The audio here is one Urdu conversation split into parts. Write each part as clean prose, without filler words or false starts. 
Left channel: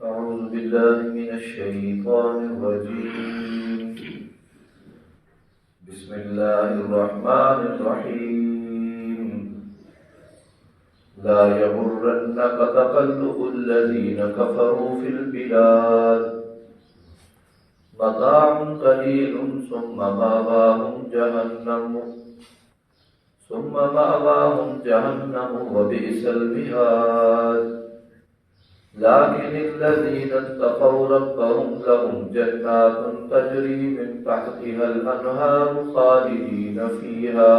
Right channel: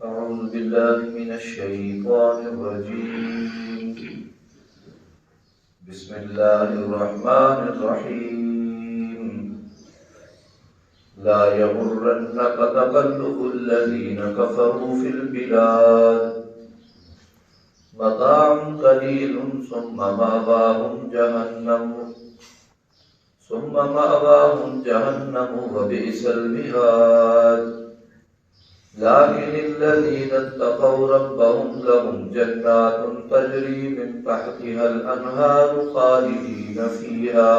أعوذ بالله من الشيطان الرجيم. بسم الله الرحمن الرحيم. لا يغرنك تقلب الذين كفروا في البلاد متاع قليل ثم مأواهم جهنم وبئس المهاد. لكن الذين اتقوا ربهم لهم جنات تجري من تحتها الأنهار خالدين فيها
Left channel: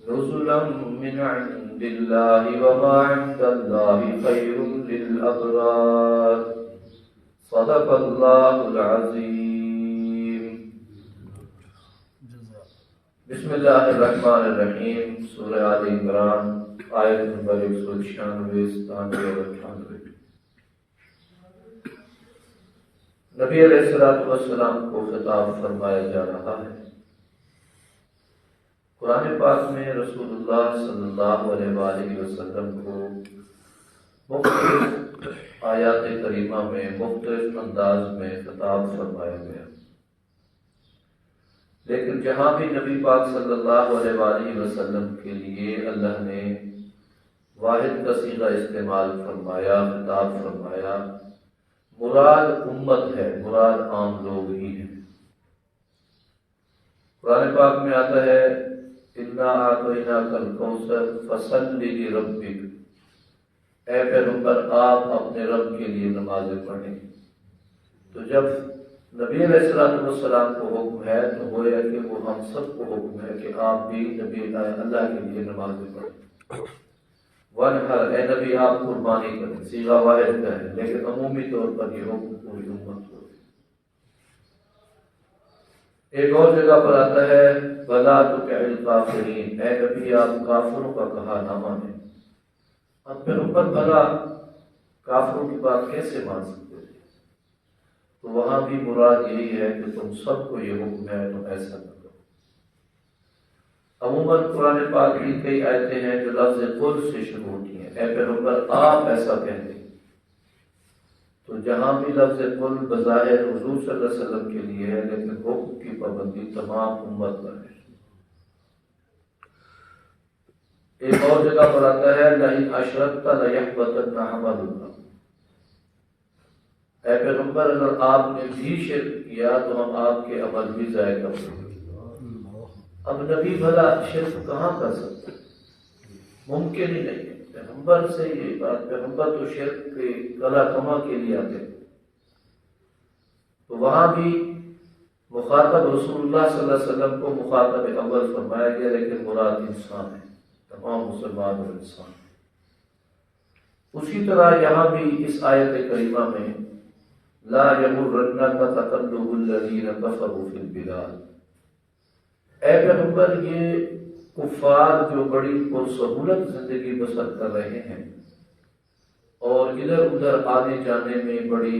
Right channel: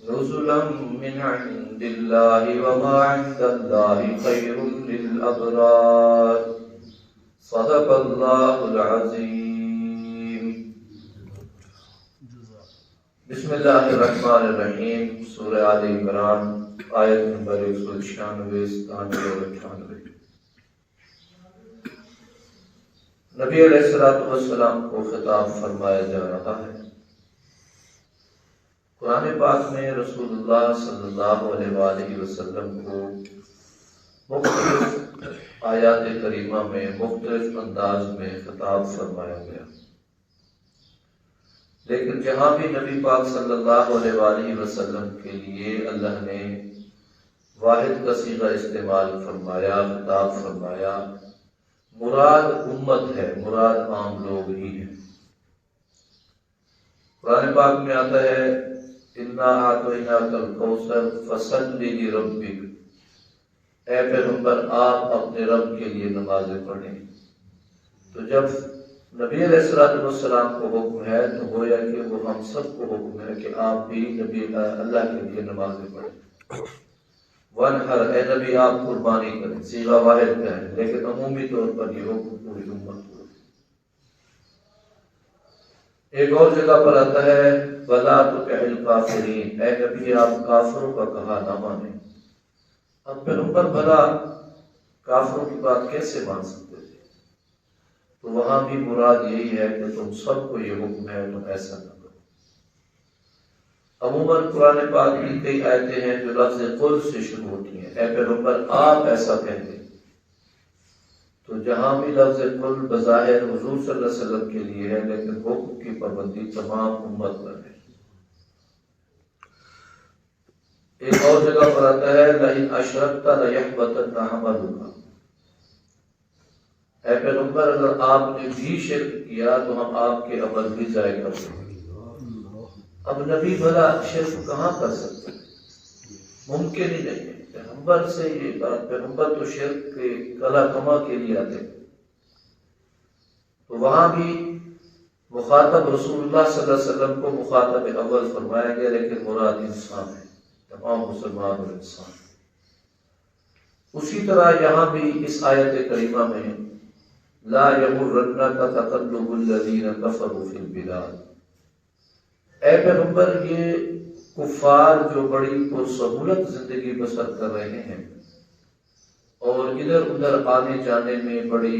نزلا من عند الله وما عند الله خير للأبرار. صدق الله العظيم. بسم اللہ الرحمن الرحیم. سورہ آل عمران آیت نمبر 196 اور 98. نبی علیہ السلام کو خطاب فرمایا جا رہا ہے. قرآن پاک میں رسول اللہ صلی اللہ علیہ وآلہ وسلم کو مختلف آیات کریمہ میں مختلف انداز میں خطاب فرمایا گیا، لیکن جہاں بھی نبی پاک صلی اللہ علیہ وآلہ وسلم کے لیے اللہ نے واحد کا صیغہ استعمال فرمایا، خطاب فرمایا، مراد امت ہے، مراد عام لوگ ہی ہیں. قرآن پاک میں آتا ہے اِنَّا أَعْطَيْنَاكَ الْكَوْثَرَ فَصَلِّ لِرَبِّكَ. اے پیغمبر آپ اپنے رب کے لیے نمازیں پڑھیں. تو جب نبی علیہ السلام کو حکم ہے تو گویا کہ وہ ہم سب کو حکم ہے کہ آپ بھی نبی اللہ کے لیے نمازیں پڑھیں. وَانْحَرْ، اے نبی آپ قربانی کریں. صیغہ واحد کا ہے لیکن عمومی طور پر یہ حکم پوری امت کو ہے. ایک اور جگہ پر آتا ہے وَلَا تُطِعِ الْكَافِرِينَ، اے نبی آپ کافروں کا کہا نہ مانیں. اب پیغمبر بھلا کافروں کی بات کیسے مان سکتے تھے؟ تو وہاں بھی مراد یہی ہے کہ تم سب کو یہ حکم ہے تم ایسا نہ کرو. عموماً قرآن پاک کی کئی آیتیں ہیں جو لفظ قل سے شروع ہوتی ہیں، اے پیغمبر آپ ایسا کہہ دیں. تو جہاں بھی لفظ قل بظاہر حضور صلی اللہ علیہ وسلم کے لیے ہے لیکن حکم کی پابندی تمام امت پر ہے. ایک اور جگہ پر آتا ہے لَإِنْ أَشْرَكْتَ لَيَحْبَطَنَّ عَمَلُكَ. اے پیغمبر اگر آپ نے بھی شرک کیا تو ہم آپ کے عمل بھی ضائع کر دیں گے. اب نبی بھلا شرک کہاں کر سکتے؟ ممکن ہی نہیں ہے. پیغمبر سے یہ بات، پیغمبر تو شرک کے کلا کما کے لیے آتے. تو وہاں بھی مخاطب رسول اللہ صلی اللہ علیہ وسلم کو مخاطب اول فرمایا گیا، لیکن مراد انسان ہے، تمام مسلمان اور انسان. اسی طرح یہاں بھی اس آیت کریمہ میں لا یغرنک تقلب الذین کفروا فی البلاد. اے پیغمبر یہ کفار جو بڑی پرسہولت زندگی بسر کر رہے ہیں اور ادھر ادھر آنے جانے میں بڑی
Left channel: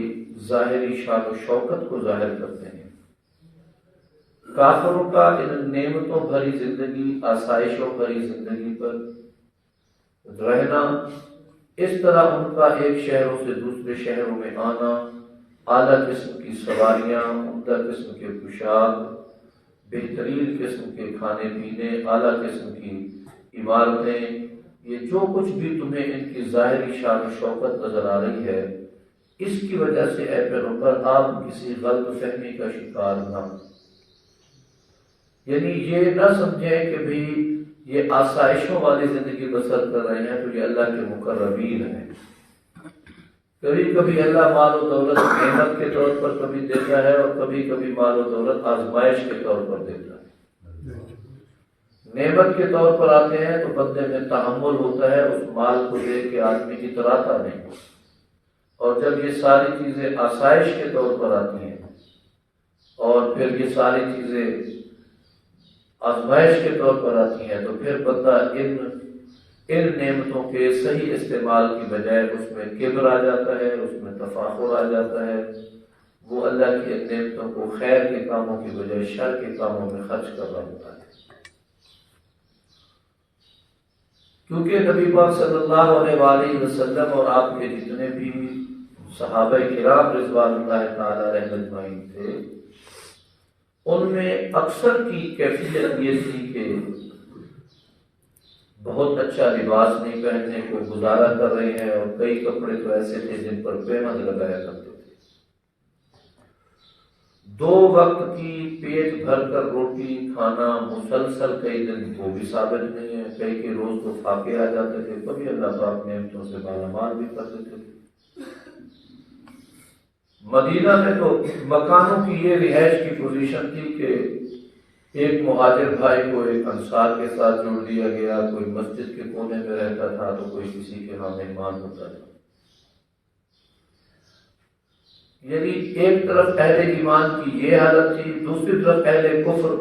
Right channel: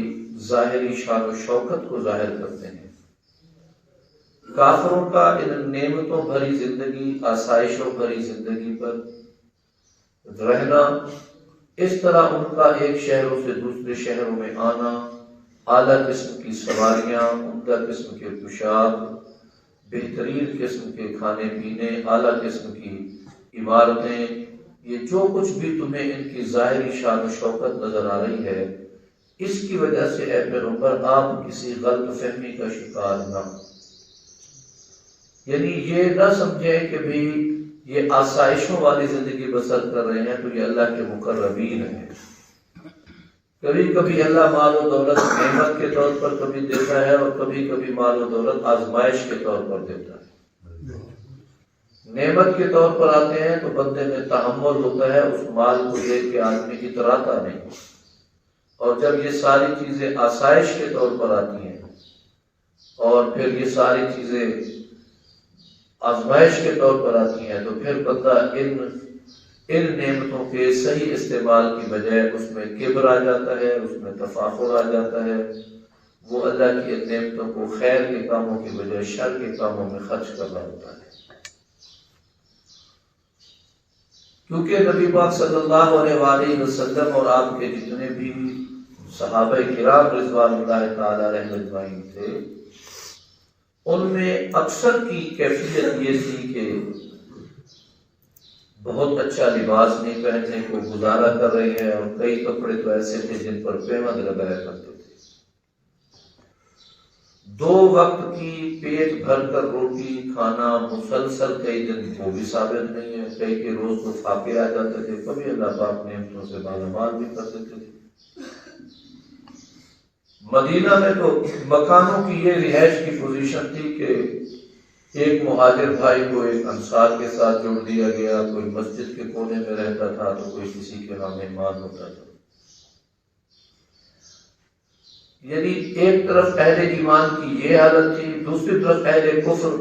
ظاہری شان و شوکت کو ظاہر کرتے ہیں، کافروں کا ان نعمتوں بھری زندگی، آسائشوں بھری زندگی پر رہنا، اس طرح ان کا ایک شہروں سے دوسرے شہروں میں آنا، اعلیٰ قسم کی سواریاں، عمدہ قسم کے پوشاک، بہترین قسم کے کھانے پینے، اعلیٰ قسم کی عمارتیں، یہ جو کچھ بھی تمہیں ان کی ظاہری شان و شوکت نظر آ رہی ہے، اس کی وجہ سے اے پیغمبر آپ کسی غلط فہمی کا شکار نہ ہو. یعنی یہ نہ سمجھیں کہ بھی یہ آسائشوں والی زندگی بسر کر رہے ہیں تو یہ اللہ کے مقربین ہیں. کبھی کبھی اللہ مال و دولت نعمت کے طور پر کبھی دیتا ہے اور کبھی کبھی مال و دولت آزمائش کے طور پر دیتا ہے. نعمت کے طور پر آتے ہیں تو بندے میں تحمل ہوتا ہے، اس مال کو دیکھ کے آدمی اتراتا نہیں. اور جب یہ ساری چیزیں آسائش کے طور پر آتی ہیں اور پھر یہ ساری چیزیں آزمائش کے طور پر آتی ہیں تو پھر بندہ ان نعمتوں کے صحیح استعمال کی بجائے اس میں کبر آ جاتا ہے، اس میں تفاخر آ جاتا ہے. وہ اللہ کی ان نعمتوں کو خیر کے کاموں کی بجائے شر کے کاموں میں خرچ کر رہا ہوتا ہے. کیونکہ نبی پاک صلی اللہ علیہ وآلہ وسلم اور آپ کے جتنے بھی صحابہ کرام رضوان اللہ تعالی علیہم اجمعین تھے، ان میں اکثر کی کیفیت یہ تھی کہ بہت اچھا لباس نہیں پہننے کو گزارا کر رہے ہیں، اور کئی کپڑے تو ایسے تھے جن پر پیمند لگایا کرتے تھے۔ 2 وقت کی پیٹ بھر کر روٹی کھانا مسلسل کئی دن وہ بھی ثابت نہیں ہے، کئی کے روز تو فاقے آ جاتے تھے، کبھی اللہ پاک نعمتوں سے مالا بھی کر دیتے تھے۔ مدینہ میں تو مکانوں کی یہ رہائش کی پوزیشن تھی کہ ایک مہاجر بھائی کو ایک انصار کے ساتھ جوڑ دیا گیا، کوئی مسجد کے کونے میں رہتا تھا تو کوئی کسی کے ہاں مہمان ہوتا تھا۔ یعنی ایک طرف اہل ایمان کی یہ حالت تھی، دوسری طرف اہل کفر،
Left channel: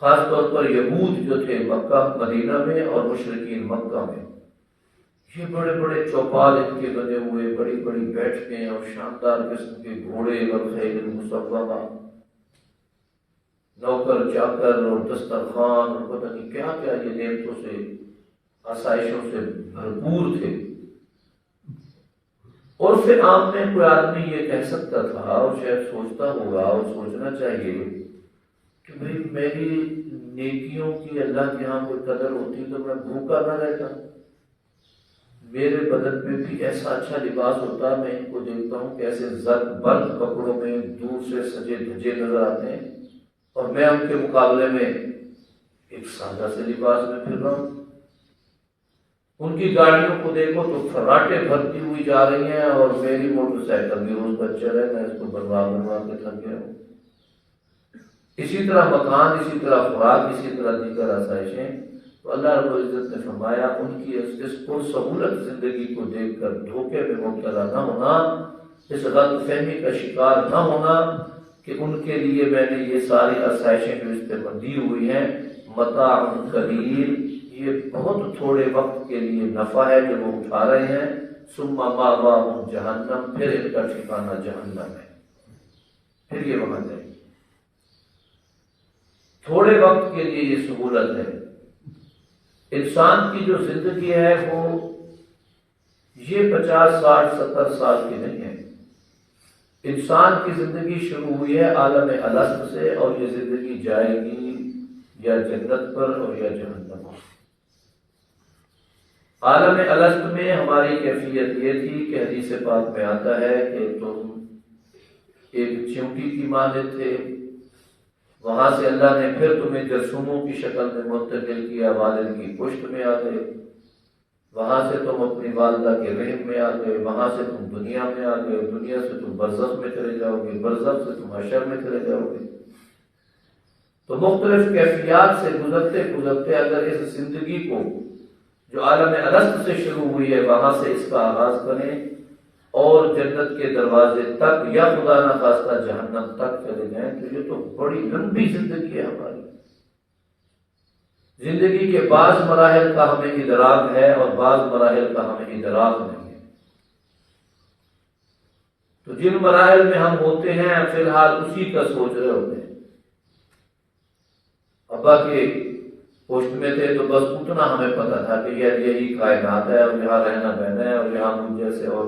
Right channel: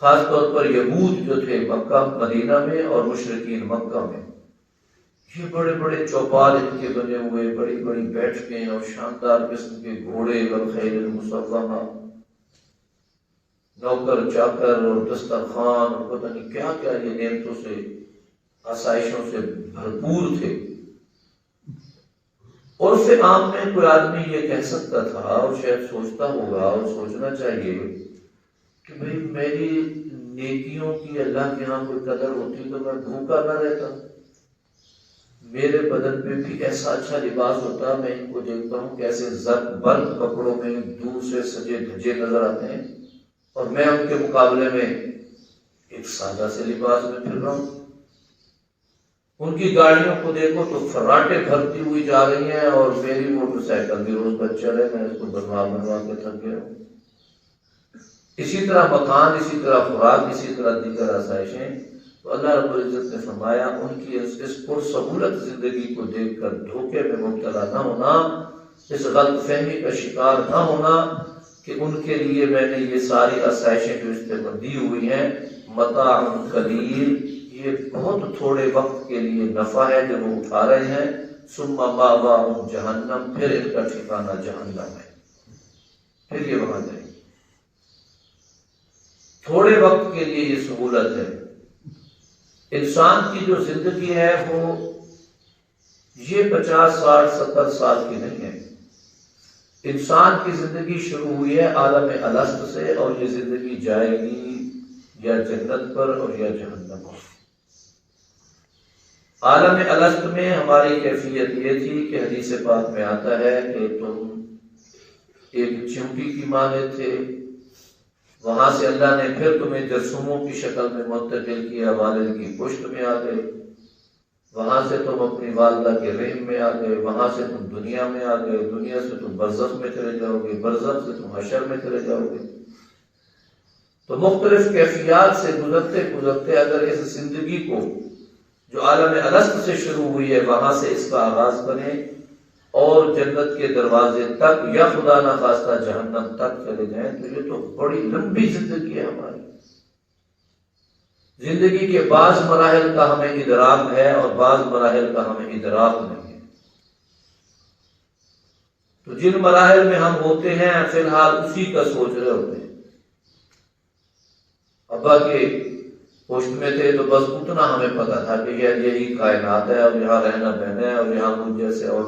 خاص طور پر یہود جو تھے مکہ مدینہ میں اور مشرکین مکہ میں، یہ بڑے بڑے چوپال ان کے بنے ہوئے، بڑی بڑی بیٹھکیں اور شاندار قسم کے گھوڑے والخیل مسومہ، نوکر چاکر اور دسترخوان اور پتہ نہیں کیا کیا، یہ نعمتوں سے آسائشوں سے بھرپور تھے۔ عرف عام میں کوئی آدمی یہ کہہ سکتا تھا، اور شاید سوچتا ہوگا اور سوچنا چاہیے کہ بھئی میری نیکیوں کی اللہ کے ہاں کوئی قدر ہوتی تو میں بھوکا نہ رہتا، میرے بدن پہ بھی ایسا اچھا لباس ہوتا، میں ان کو دیکھتا ہوں کیسے زرق برق کپڑوں میں دور سے سجے دھجے نظر آتے ہیں، اور میں ان کے مقابلے میں ایک سادہ سے لباس میں پھر رہا ہوں۔ ان کی گاڑیوں کو دیکھو تو فراٹے بھرتی ہوئی جا رہی ہیں، اور میری موٹر سائیکل بھی روز پر چڑھے، میں اس کو بنوا کے تھک گیا ہوں۔ اسی طرح مکان، اسی طرح خوراک، اسی طرح دیگر آسائشیں۔ تو اللہ رب العزت نے فرمایا ان کی اس پرسہولت زندگی کو دیکھ کر دھوکے میں مبتلا نہ ہونا، اس غلط فہمی کا شکار نہ ہونا کہ ان کے لیے میں نے یہ ساری آسائشیں جو استعمال دی ہوئی ہیں متاع قلیل، یہ بہت تھوڑے وقت کے لیے نفع ہے جو وہ اٹھا رہے ہیں، ثم مأواہم جہنم، پھر ان کا ٹھکانہ جہنم ہے، پھر یہ وہاں جائیں گے۔ تھوڑے وقت کے لیے یہ سہولت ہے۔ انسان کی جو زندگی ہے وہ یہ 50 60 70 سال کی نہیں ہے۔ انسان کی زندگی شروع ہوئی ہے عالم الست سے، اور یہ زندگی جائے گی یا جنت پر اور یا جہنم پر۔ عالم الست میں ہماری کیفیت یہ تھی کہ حدیث پاک میں آتا ہے کہ تم ایک چیونٹی کی مانے تھے، وہاں سے اللہ نے پھر تمہیں جرثوموں کی شکل میں منتقل کیا، والد کی پشت میں آ گئے، وہاں سے تم اپنی والدہ کے رحم میں آ گئے، وہاں سے تم دنیا میں آ گئے، دنیا سے تم برزخ میں چلے جاؤ گے، برزخ سے تم حشر میں چلے جاؤ گے۔ تو مختلف کیفیات سے گزرتے گزرتے اگر اس زندگی کو جو عالم الست سے شروع ہوئی ہے وہاں سے اس کا آغاز کریں اور جنت کے دروازے تک یا خدا نہ خواستہ جہنم تک چلے جائیں، تو یہ تو بڑی لمبی زندگی ہے ہماری۔ زندگی کے بعض مراحل کا ہمیں ادراک ہے اور بعض مراحل کا ہمیں ادراک نہیں ہے۔ تو جن مراحل میں ہم ہوتے ہیں فی الحال اسی کا سوچ رہے ہوتے ہیں۔ ابا کے پشت میں تھے تو بس اتنا ہمیں پتا تھا کہ یہی کائنات ہے، اور یہاں رہنا بہنا ہے، اور یہاں مجھ جیسے اور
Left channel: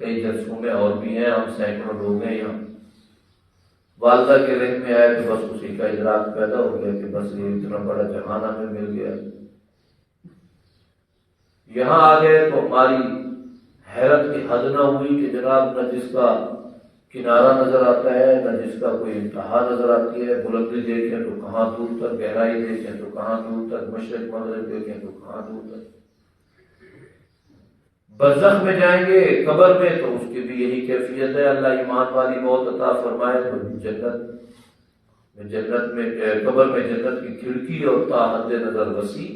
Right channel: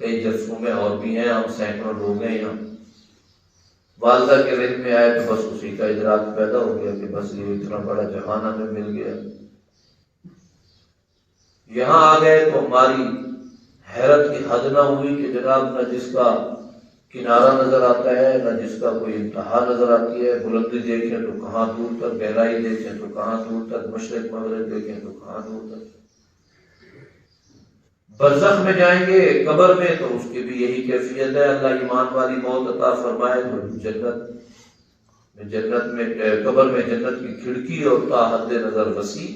کئی جرثومے اور بھی ہیں، ہم سینکڑوں لوگ ہیں یہاں۔ والدہ کے رحم میں آئے تو بس اسی کا ادراک پیدا ہو گیا کہ بس یہ اتنا بڑا جہان ہمیں مل گیا۔ یہاں آ گئے تو ہماری حیرت کی حد نہ ہوئی کہ جناب نہ جس کا کنارہ نظر آتا ہے نہ جس کا کوئی انتہا نظر آتی ہے، بلندی دیکھیں تو کہاں دور تک، گہرائی دیکھیں تو کہاں دور تک، مشرق مغرب دیکھیں تو کہاں دور تک۔ برزخ میں جائیں گے قبر میں تو اس کی بھی یہی کیفیت ہے، اللہ ایمان والی موت عطا فرمائے تو جنت میں قبر میں جنت کی کھڑکی اور تا حد نظر وسیع،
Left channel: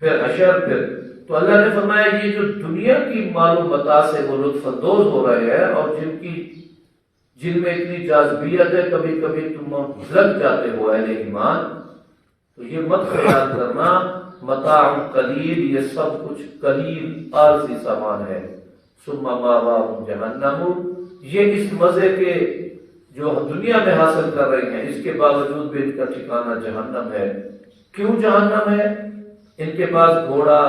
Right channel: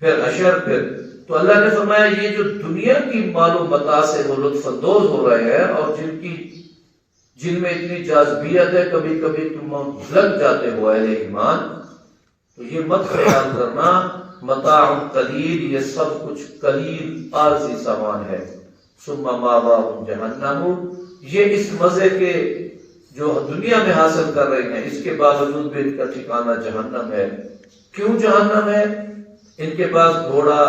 پھر حشر، پھر تو اللہ نے فرمایا یہ جو دنیا کی مال و متاع سے وہ لطف اندوز ہو رہے ہیں اور جن میں اتنی جاذبیت ہے، کبھی کبھی تم لگ جاتے ہو اہل ایمان، تو یہ مت خیال کرنا متاع قلیل، یہ سب کچھ قلیل عارضی سامان ہے۔ ثم مأواہم جہنم، یہ اس مزے کے جو دنیا میں حاصل کر رہے ہیں اس کے باوجود بھی ان کا ٹھکانہ جہنم ہے۔ کیوں جہنم ہے؟ ان کے پاس گھوڑا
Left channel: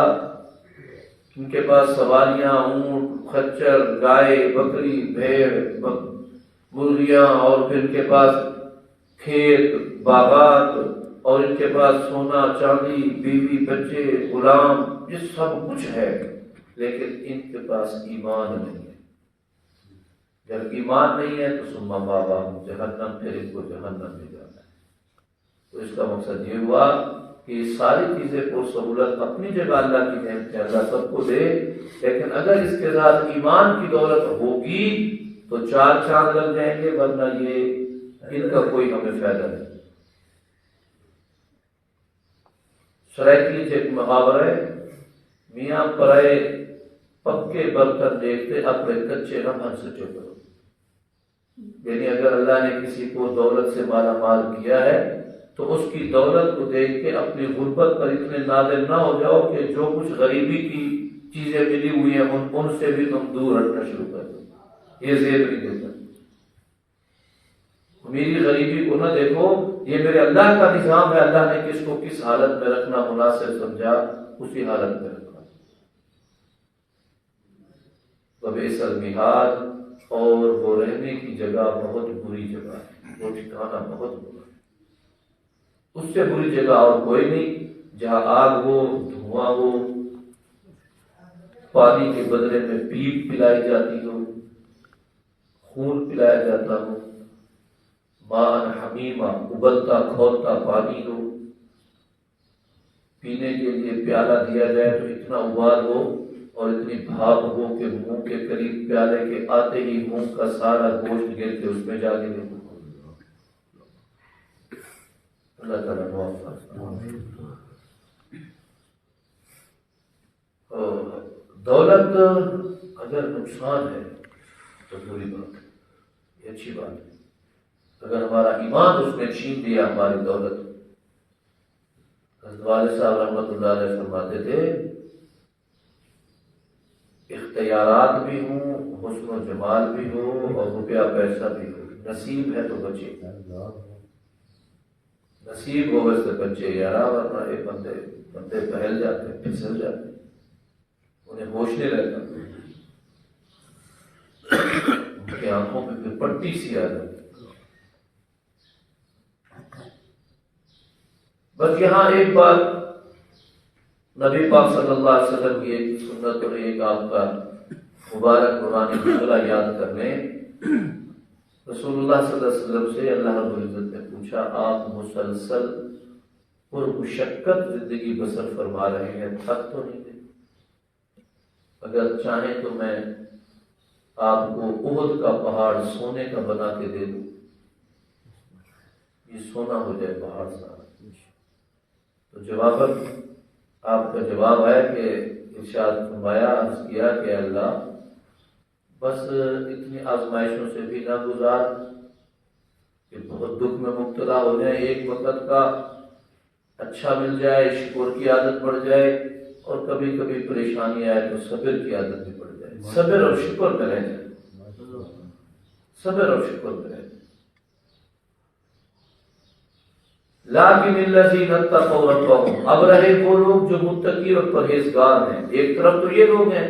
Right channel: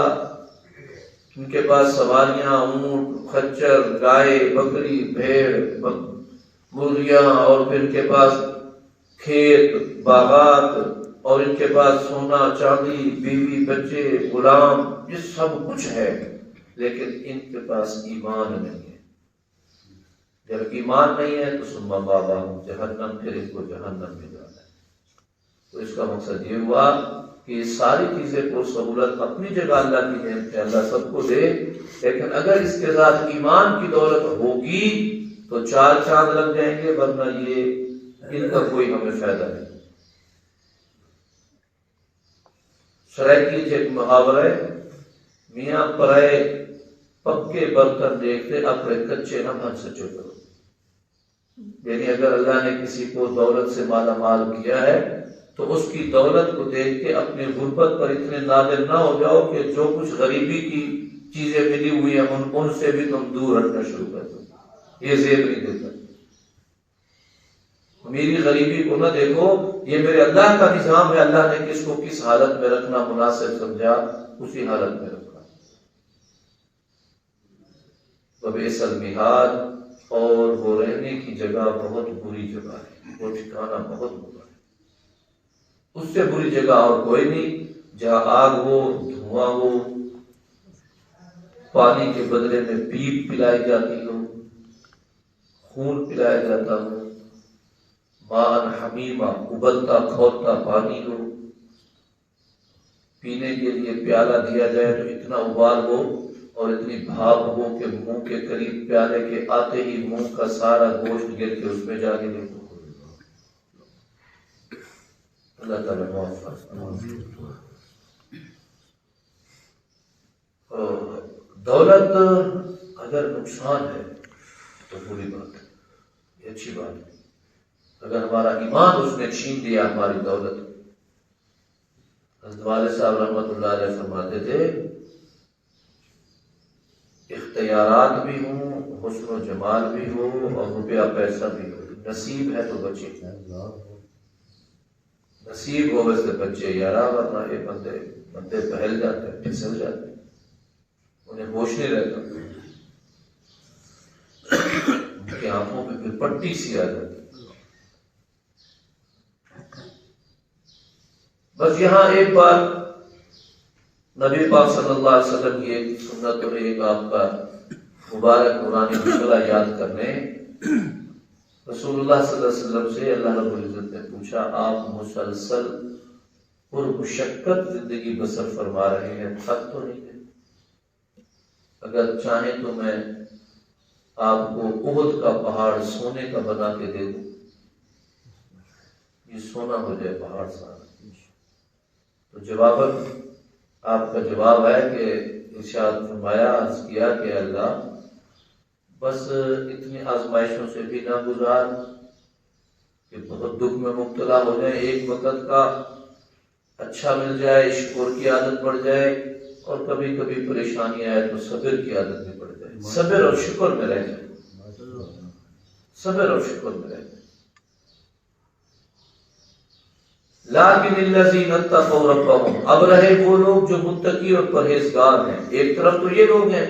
ان کے پاس سواریاں، اونٹ، خچر، گائے، بکری، بھیڑ، مرغیاں، اور پھر ان کے پاس کھیت، باغات، اور ان کے پاس سونا، چاندی، بیوی، بچے، غلام، یہ سب کچھ ہے، لیکن ان کے پاس ایمان نہیں ہے۔ جب ایمان نہیں ہے تو ثم مأواہم جہنم، پھر ان کو جہنم میں جانا ہے۔ تو اس کا مقصد یہ ہوا کہ یہ ساری چیزیں کو سہولت اپنی جگہ اللہ کی نعمت ہے، اللہ سب کو دے، لیکن اگر اس کے ساتھ ایمان کی دولت ہوگی تو چار چاند لگ جائیں گے، ورنہ یہ ان کا کوئی ہمیں فائدہ نہیں۔ سرائیکی ایک محاورہ ہے، میاں پرائے پکے برتن دیکھتے اپنے کچے نہ بن سچے کرو۔ یعنی اگر اللہ نے کسی کو دولت سے مالا مال کیا ہے تو اس کی دولت کو دیکھ کے اپنی غربت پر اتنے نادر نہ ہو جاؤ کہ جو کچھ غریبی کی چیزیں ملی ہوئی ہیں ان سے بھی تم دور ہٹنا شروع کر دو۔ یہ زیب نہیں دیتا۔ میری غریبی کو نہ دیکھو، یہ میرے اللہ کا نظام ہے، اللہ نے کس کو کس حالت میں رکھنا مناسب سمجھا اسی حالت میں رکھا۔ وبئس المہاد، اور وہ رہنے کی جگہ بہت بری جگہ ہے، وہ ٹھکانہ بہت برا ہے۔ اس سے بری جگہ اور کوئی نہیں، جہاں آگ ہو، دھواں ہو، پانی کے بدلے میں پیپ پلائی جاتی ہو، خون پلایا جاتا ہو، ماء حمیمہ، ابلتا کھولتا پانی ہو، پینے کے لیے پیالہ دیا جائے تو اتنا ابال ہو اور اتنی بھاپ ہو کہ منہ کے قریب پیالے کے آتے ہی منہ کا سارا گوشت گر کے اس میں جا کے دیکھو۔ اللہ تعالیٰ معاف فرمائے۔ دولت اگر نقصان ہے تو بری بات ہے، یہ اچھی بات ہے۔ اگر ہمارا ایمان اس نے چھین لیا ہماری دولت، حضرت والد صاحب رحمۃ اللہ علیہ فرماتے تھے اختیارات بھی ہوں، حسن و جمال بھی ہو، اور روپیہ پیسہ بھی ہو، نصیب ہے تو بچے، نصیب ہو ویسے بچے یارا، ورنہ یہ بندے پھیل جاتے ہیں، پھسل جاتے ہیں، انہیں ہوش نہیں رہتا، ان کی آنکھوں پہ پھر پٹی سی آ جاتی۔ بس یہاں ایک بار نبی پاک صلی اللہ علیہ وسلم کی ایک سنت اور ایک آپ کا مبارک قرآن جملہ یاد کرنے، رسول اللہ صلی اللہ علیہ وسلم سے اللہ رب العزت نے پوچھا، آپ مسلسل پرمشقت زندگی بسر فرما رہے ہیں، تھک تو نہیں ہے؟ اگر چاہیں تو میں آپ کو احد کا پہاڑ سونے کا بنا کے دے دوں، یہ سونا ہو جائے پہاڑ سارا۔ تو جواباً آپ کا جواب ہے کہ ارشاد فرمایا، عرض کیا کہ اللہ بس اتنی آزمائشوں سے بھی نہ گزار کہ بہت دکھ میں مبتلا ہو جائے، ایک وقت کا اچھا مل جائے، شکر کی عادت پڑ جائے، اور کبھی کبھی پریشانی آئے تو صبر کی عادت بھی پڑ جائے، صبر اور شکر میں رہ جائے، صبر اور شکر میں رہ جائے۔ لیکن الذین اتقوا ربهم، اب رہے وہ لوگ جو متقی اور پرہیزگار ہیں۔ ایک طرف تو یہ لوگ ہیں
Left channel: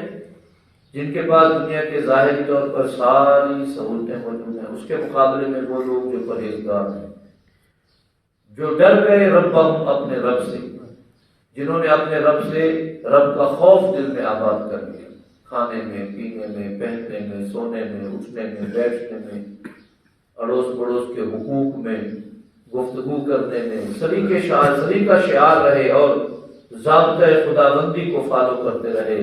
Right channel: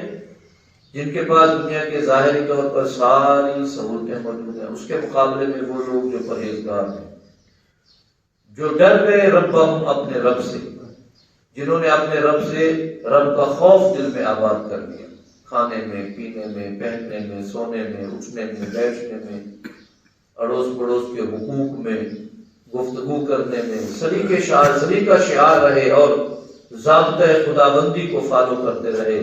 جن کے پاس دنیا کے ظاہری طور پر ساری سہولتیں موجود ہیں، اس کے مقابلے میں وہ لوگ جو پرہیزگار ہیں، جو ڈر گئے ربهم، اپنے رب سے، جنہوں نے اپنے رب سے، رب کا خوف دل میں آباد کر لیا، کھانے میں، پینے میں، پہننے میں، سونے میں، اٹھنے میں، بیٹھنے میں، اڑوس پڑوس کے حقوق میں، گفتگو کرنے میں، سلیقہ شعار رہے اور ضابطۂ خدابندی کو فالو کرتے رہے،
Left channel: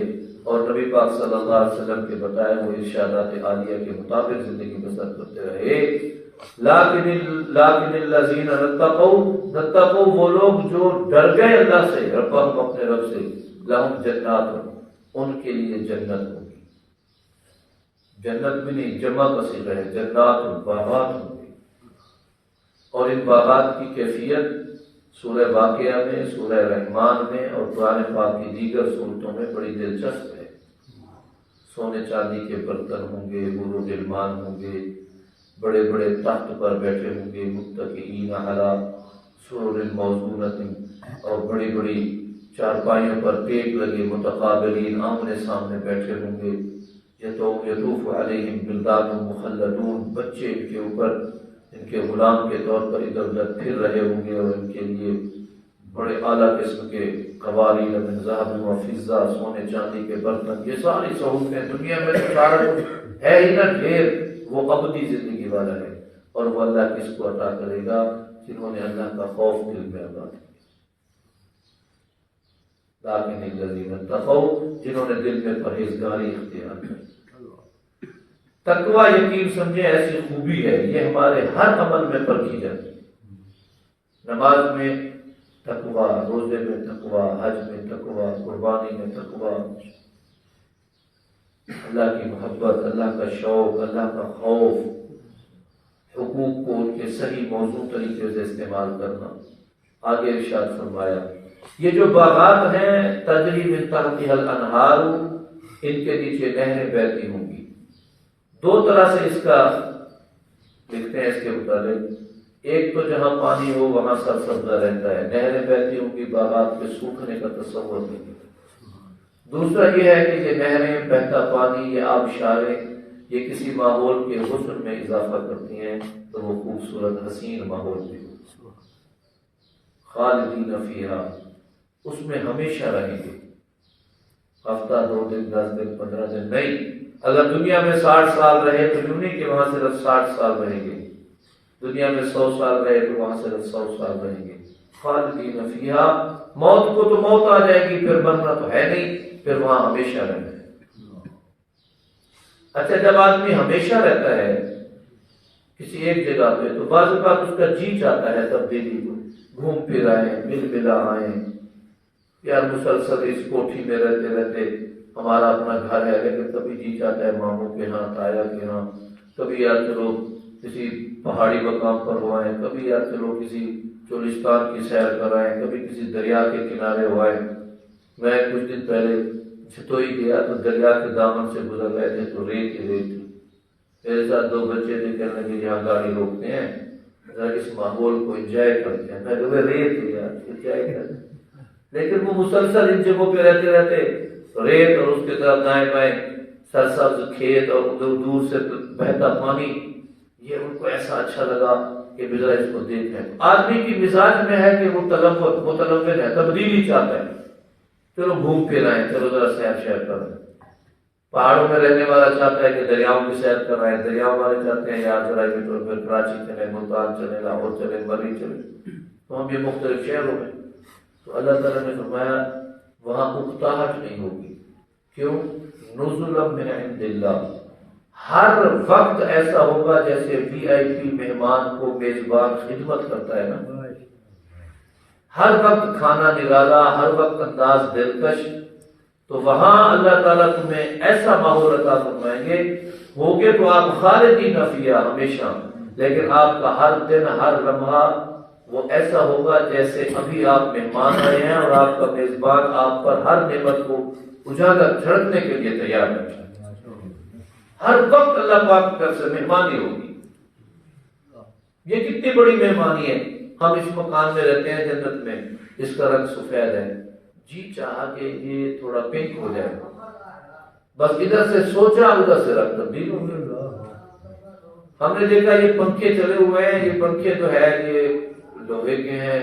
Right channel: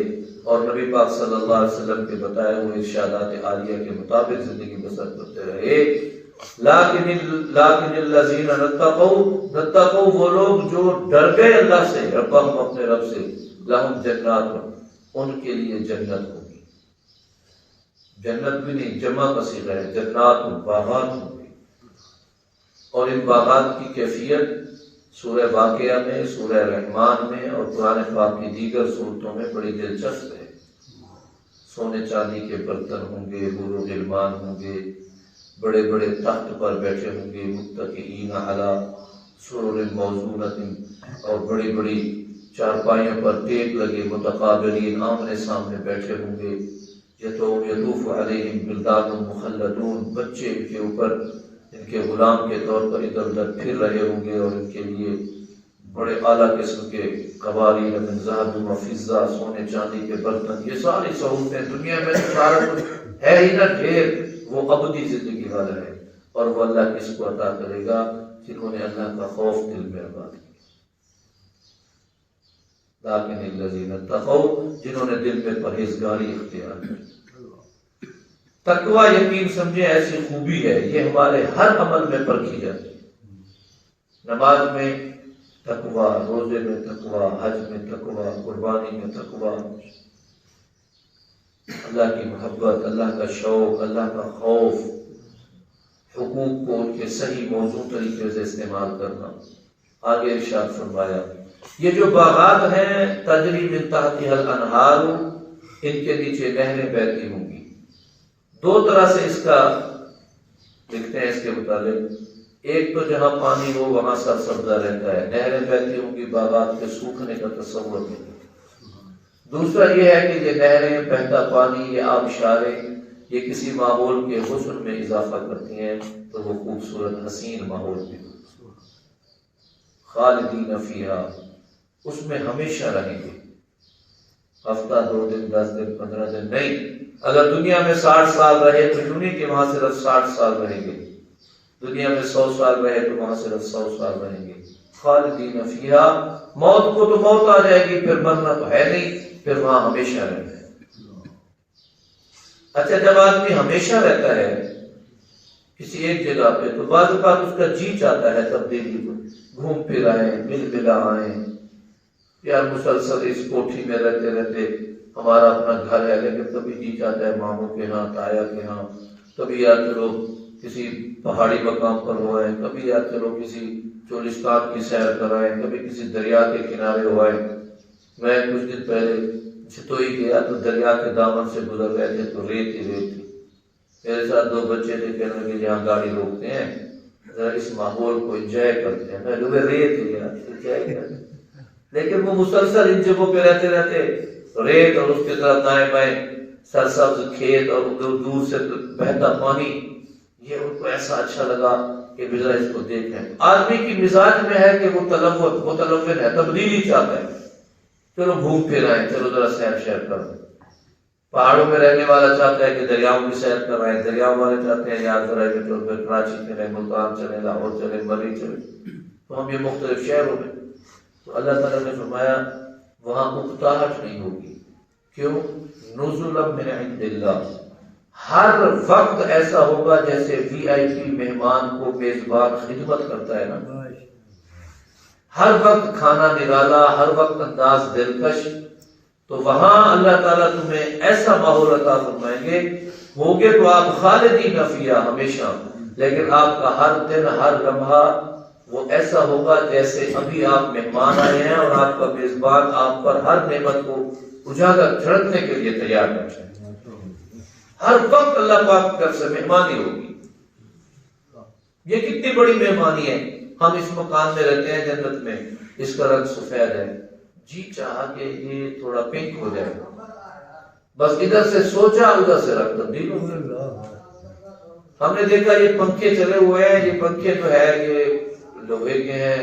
اور نبی پاک صلی اللہ علیہ وسلم کے بتائے ہوئے ارشادات عالیہ کے مطابق زندگی بسر کرتے رہے۔ لیکن الذین اتقوا، وہ لوگ جو ڈر گئے اللہ سے، ربهم، اپنے رب سے، لہم جنات، ان کے لیے جنت ہوگی، جنت بھی نہیں، جمع کا صیغہ ہے، جنات، باغات ہوں گے، اور ان باغات کی کیفیت سورہ واقعہ میں، سورہ رحمان میں اور قرآن پاک کی دیگر صورتوں میں بڑی دلچسپ ہے۔ سونے چاندی کے برتن ہوں گے، حور و غلمان ہوں گے، بڑے بڑے تخت پر بیٹھے ہوں گے، متکئین علی سرر موضونۃ، اور بڑی بڑی چارپائیوں پر ٹیک لگے متقابلین آمنے سامنے بیٹھے ہوں گے، یطوف علیہم ولدان مخلدون، بچے ان کے اوپر ان کے غلام کے طور پر ادھر ادھر پھر رہے ہوں گے، اور ان کے لیے بڑے اعلیٰ قسم کے قواری من ذہب و فضہ، سونے چاندی کے برتن، یہ ساری سہولتیں دنیا میں سارا ہے ہی نہ ڈھیر، وہ ابدی زندگی والا ہے، اور وہ اللہ کس کو عطا کرے گا؟ جنہوں نے اللہ کا خوف دل میں اپنا دیا، لیکن الذین اتقوا، جنہوں نے دل میں پرہیزگاری اختیار کی۔ تقوی یقین سمجھیں ایسی خوبی ہے، یہ ہمارے ہر عمل میں پرکھی جاتی ہے، نماز میں تقوی، روزے میں تقوی، حج میں تقوی، قربانی میں تقوی، اللہ کی محبت، اللہ کا شوق، اللہ کا خوف، حقوق کو ان کے صحیح موضوع طریقے سے استعمال کرنا۔ آگے ارشاد فرمایا یہ جو باغات ہیں تجری من تحتها الانہار، ان کے نیچے نہریں بہتی ہوں گی۔ دو طرح سے اس کا لکھتے ہیں اس کے متعلق، ایک تو جہاں پانی ہو وہاں سرسبزہ رہتا ہے، نہریں بہتی ہوں گی، باغات کے سوکھنے کا تصور نہیں۔ دوسرا یہ ہے کہ یہ نہریں، بہتا پانی، یہ آبشاریں، یہ کسی ماحول کے حسن میں اضافہ کرتی ہیں تو وہ خوبصورت حسین ماحول بھی ہو، خالدین فیہا، اس میں ہمیشہ رہیں گے، ہفتہ، 2 دن، 10 دن، 15 دن نہیں۔ اگر دنیا میں 60 سال رہے تو یوں نہیں کہ وہاں صرف 60 سال رہیں گے، دنیا میں 100 سال رہے تو وہاں صرف 100 سال رہیں گے۔ خالدین فیہا، موت کو تو موت آ جائے گی، پھر مرنا تو ہے نہیں، پھر وہاں ہمیشہ رہنا ہے۔ اچھا، جب آدمی ہمیشہ رہتا ہے کسی ایک جگہ پہ تو بعض اوقات اس کا جی چاہتا ہے تبدیلی کو، گھوم پھر آئیں، مل ملا آئیں، یار مسلسل اس کوٹھی میں رہتے رہتے ہمارا اپنا گھر ہے لیکن کبھی جی چاہتا ہے ماموں کے ہاں، تایا کے ہاں، کبھی یار چلو کسی پہاڑی مقام پر ہو آئے، کبھی یار چلو کسی چولستان کی سیر کر آئے، کبھی کسی دریا کے کنارے ہو آئے۔ میں کچھ دن پہلے چھتوئی گیا تو دریا کے دامن سے گزر گئے تھے تو ریت ہی ریت تھی، میرے ساتھ 2 بچے تھے، کہنے لگے یہاں گاڑی روکتے ہیں ذرا اس ماحول کو انجوائے کرتے ہیں۔ میں نے ریت لیا انجوائے کرتے، لیکن وہ مسلسل ان جگہوں پہ رہتے رہتے ریت اور اس کے طرف دائیں بائیں سرسبز کھیت اور دور دور سے بہتا پانی، یہ ان کو ایسا اچھا لگا کہ ذرا اس کو دیکھیں۔ آدمی کی مزاج میں ہے کہ وہ متلون ہے، تبدیلی چاہتا ہے، چلو گھوم پھر آئیں، چلو ذرا سیر شیر کریں۔ پہاڑوں میں رہنے والا چاہتا ہے کہ دریاؤں کی سیر کر رہے ہیں، دریاؤں والے چاہتے ہیں یار ذرا کراچی چلے، ملتان چلے، لاہور چلے، مری چلے، تو ہم یہ مختلف شہروں میں۔ تو اللہ تعالیٰ نے فرمایا وہاں اکتاہٹ نہیں ہوگی، کیوں؟ نزلا من عند اللہ، ہر وقت ایسا ہوگا جیسے VIP مہمان کو میزبان خدمت کرتا ہے نا، ہر وقت کھانا نرالا، ہر وقت انداز دلکش، تو وہاں اللہ تعالیٰ تمہیں ایسا ماحول عطا فرمائیں گے، ہوگے تو آپ خالدین فیہا ہمیشہ، لیکن آپ کا ہر دن، ہر لمحہ وہ ایسا ہوگا جیسے ابھی آپ مہمان آئے ہیں اور آپ کا میزبان آپ پر ہر نعمت کو اجاگر جھڑکنے کے لیے تیار ہے۔ ہر وقت اللہ پاک کی طرف سے مہمانی ہوگی۔ یہ کتنی بڑی مہمانی ہے، ہم اس مکان میں رہتے ہیں جنت میں، اس کا رنگ سفید ہے، جی چاہا کہ یہ تھوڑا پنک ہو جائے، بس ادھر سے سوچا ادھر سے رنگ تبدیل ہو گیا۔ ہم نے دیکھا یہ پنکھے چلے ہوئے ہیں، یہ پنکھے جو ہے یہ لوہے کے ہیں،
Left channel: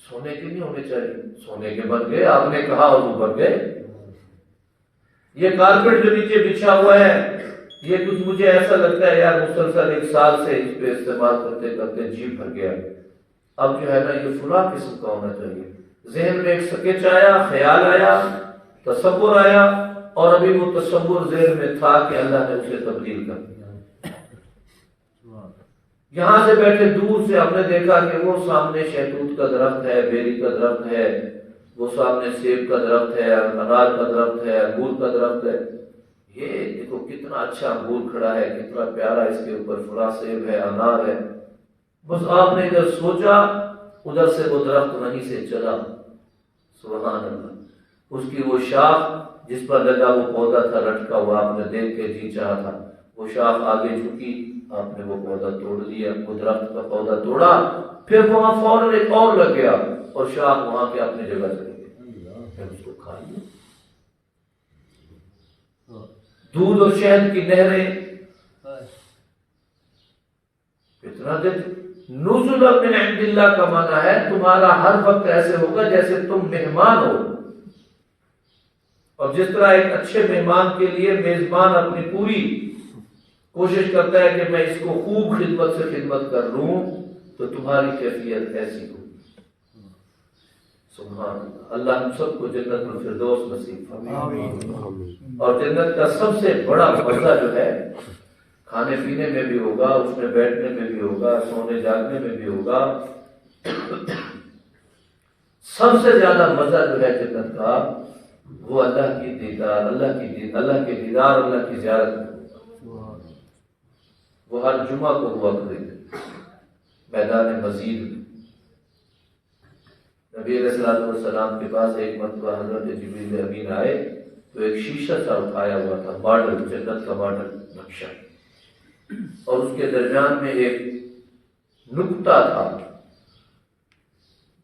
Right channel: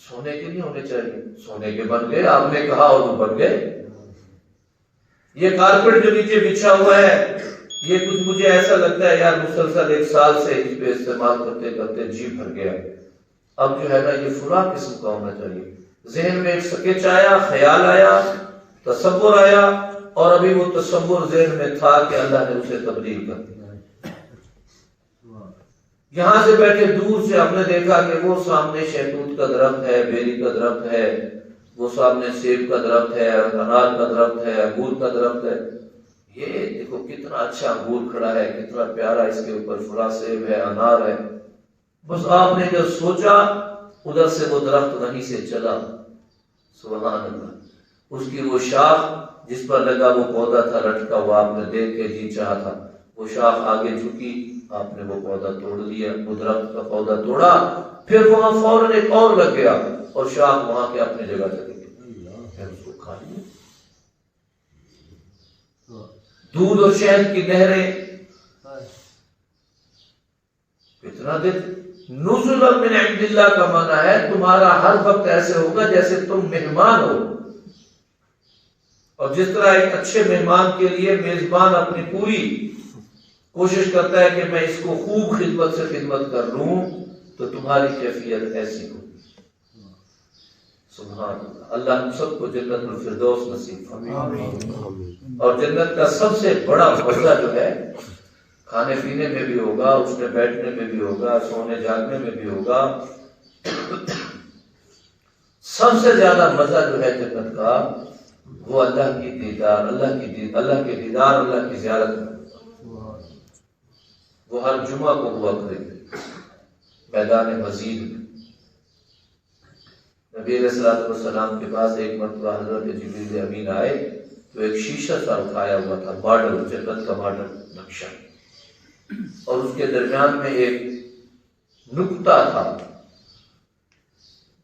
سونے کے نہیں ہونے چاہیے، سونے کے بن گئے، آپ نے کہا اور وہ بن گئے۔ یہ کارپیٹ جو نیچے بچھا ہوا ہے، یہ کچھ مجھے ایسا لگتا ہے یار مسلسل 1 سال سے اس پہ استعمال کرتے کرتے جی بھر گیا، اب جو ہے نا یہ فلاں قسم کا ہونا چاہیے۔ ذہن میں ایک سکیچ آیا، خیال آیا، تصور آیا، اور ابھی وہ تصور ذہن میں تھا کہ اللہ نے اسے تبدیل کر دیا۔ یہاں سے بیٹھے دور سے ہم نے دیکھا کہ وہ سامنے شہتوت کا درخت ہے، بیری کا درخت ہے، وہ سامنے سیب کا درخت ہے، انار کا درخت ہے، انگور کا درخت ہے، یہ دیکھو کتنا اچھا انگور کھڑا ہے، کتنا پیارا، اس کے اوپر فلاں سیب ہے، انار ہے۔ بس آپ نے ادھر سوچا، ادھر سے وہ درخت وہیں سے چلا، سبحان اللہ۔ اس کی وہ شاخ جس پر لگا وہ پودا تھا لٹکا ہوا، آپ نے دیکھ کے جی چاہا تھا، وہ شاخ آگے جھکی، آپ نے وہ پودا توڑ دیا، وہ درخت کا پودا توڑا، پھر وہاں فوراً ایک اور لگ گیا اور شاخ وہاں کے اپنی جگہ چلی گئی۔ دودھ اور شہد کی نہریں. اتنا دل. نزلا من عند اللہ کا معنی ہے تمہارا ہر وقت ایسے ہوگا جیسے تم مہمان ہو. اور جس طرح ایک اچھے مہمان کے لیے میزبان اپنی پوری کوشش کرتا ہے کہ میں اس کو خوب خدمت سے خدمت کر لوں، تو تمہاری کیفیت ایسی ہوگی. سبحان اللہ. اللہ ہم سب کو جنت الفردوس نصیب فرمائے. اور جنت کا سب سے بڑا مزہ جو ہے کھانے پینے میں بھی ہوگا، اس میں بیٹھنے میں بھی ہوگا، سونے جاگنے میں بھی ہوگا. سب سے زیادہ مزہ جو ہے جنت کا وہ اللہ کی دیدار، اللہ کے دیدار، اللہ کی زیارت میں ہوگا. وہ ہر جمعہ کو ہوا کرے گا میدان مزید میں. نبی علیہ الصلوۃ والسلام کے پاس ایک مرتبہ حضرت جبریل امین آئے تو ایک شیشہ سا اٹھایا ہوا تھا، ماڈل، جنت کا ماڈل نقشہ، اور اس کے درمیان میں ایک نقطہ تھا.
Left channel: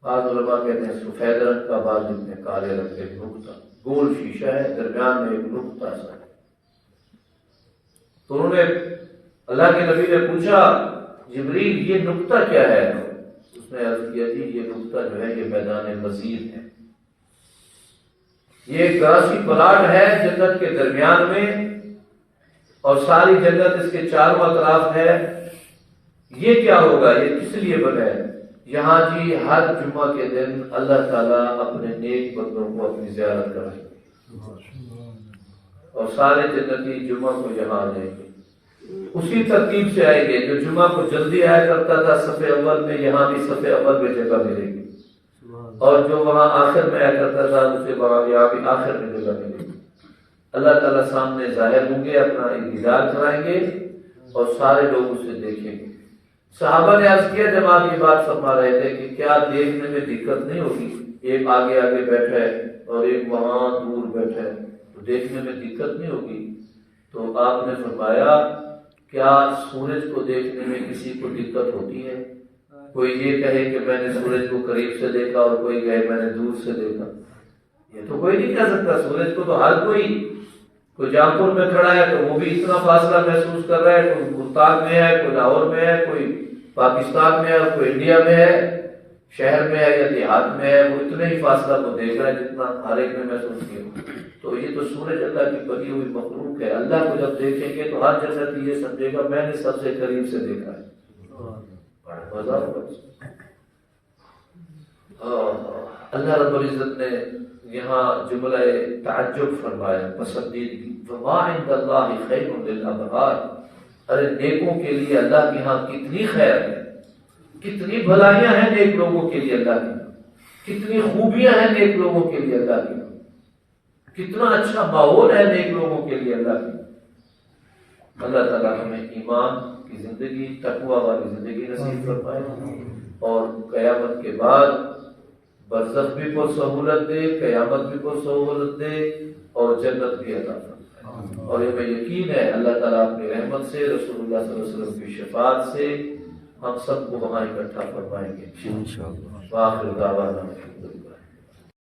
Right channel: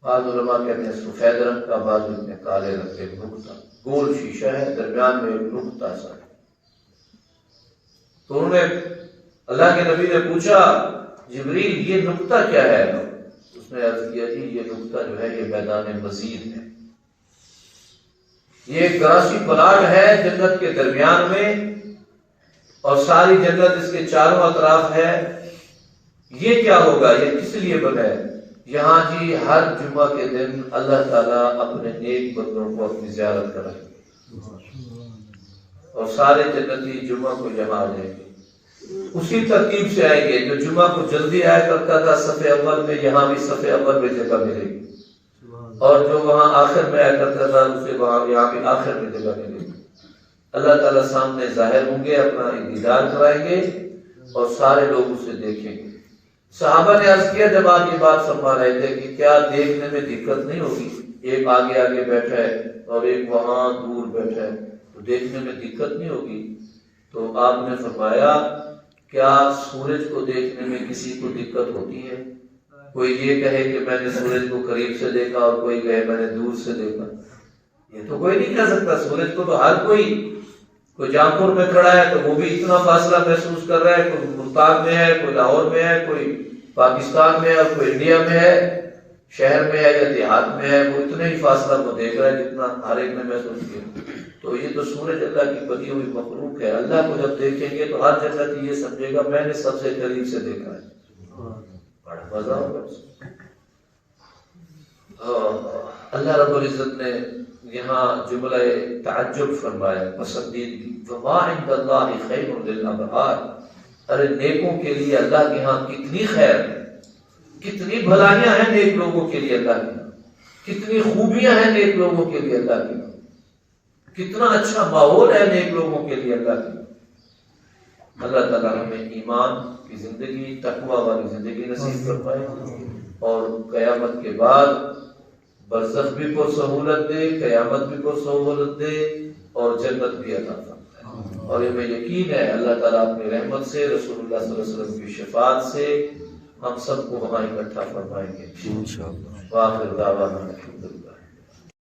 بعض علماء کہتے ہیں سفید رنگ کا، بعض اتنے کالے رنگ کا. ایک نقطہ، گول شیشہ ہے، درمیان میں ایک نقطہ سا. تو انہوں نے اللہ کے نبی نے پوچھا جبریل یہ نقطہ کیا ہے؟ اس نے عرض کیا جی یہ نقطہ جو ہے یہ میدان مزید ہے. یہ ایک گراسی پلاٹ ہے جنت کے درمیان میں، اور ساری جنت اس کے چاروں اطراف ہے. یہ کیا ہوگا؟ یہ کس لیے بنا ہے؟ یہاں جی ہر جمعہ کے دن اللہ تعالیٰ اپنے نیک بندوں کو اپنی زیارت کرائے اور سارے جنتی جمعہ کو یہاں آ جائیں گے. اسی ترتیب سے آئیں گے. جو جمعہ کو جلدی آیا کرتا تھا صف اول میں، یہاں بھی صف اول میں جگہ ملے گی. اور جو وہاں آخر میں آیا کرتا تھا اسے وہاں یہاں بھی آخر میں جگہ ملے گی. اللہ تعالیٰ سامنے ظاہر ہوں گے، اپنا دیدار کرائیں گے اور سارے لوگ اسے دیکھیں گے. صحابہ نے عرض کیا جب آپ یہ بات فرما رہے تھے کہ کیا دیکھنے میں دقت نہیں ہوگی؟ ایک آگے آگے بیٹھا ہے اور ایک وہاں دور بیٹھا ہے، تو دیکھنے میں دقت نہیں ہوگی؟ تو آپ نے فرمایا کیا سورج کو دیکھنے میں کسی کو دقت ہوتی ہے؟ کوئی یہ کہے کہ میں نے سورج کو قریب سے دیکھا اور کوئی کہے میں نے دور سے دیکھا. یہ تو کوئی نہیں کہہ سکتا. سورج کو تو ہر کوئی جانپور میں کھڑا ہے تو وہ بھی اتنا فاصلہ محسوس کر رہا ہے. کوئی ملتان میں ہے، کوئی لاہور میں ہے، کوئی پاکستان میں ہے اور کوئی انڈیا میں ہے، شہر میں ہے یا دیہات میں ہے، وہ اتنے ہی فاصلہ کو دیکھ رہا ہے جتنا ہر ایک نے محسوس کیا. تو یہ تو سورج اللہ کی بنی ہوئی مخلوق ہے. اللہ کو جب دیکھیں گے تو ہر جنتی یہ سمجھے گا میں نے سب سے قریب سے دیکھا ہے. بڑا مزہ ہوگا. اللہ رب العزت نے یہاں جملہ تعجب فرمایا، پسندیدگی. وما عند اللہ خیر للابرار. ارے نیکوں کے لیے اللہ کے ہاں کتنی خیر ہے، کتنی بھلائیاں ہیں نیک لوگوں کے لیے اللہ کے ہاں، کتنی خوبیاں ہیں نیک لوگوں کے لیے اللہ کے ہاں، کتنا اچھا ماحول ہے نیک لوگوں کے لیے اللہ کی. اللہ تعالیٰ ہمیں ایمان کی زندگی، تقوی والی زندگی نصیب فرمائے اور قیامت کے بعد برزخ بھی پر سہولت دے، قیامت بھی پر سہولت دے اور جنت بھی عطا فرمائے. اور ہمیں یقین ہے اللہ تعالیٰ اپنی رحمت سے، رسول اللہ صلی اللہ علیہ وسلم کی شفاعت سے ہم سب کو وہاں اکٹھا فرمائیں گے انشاءاللہ. وآخر دعوانا الحمدللہ.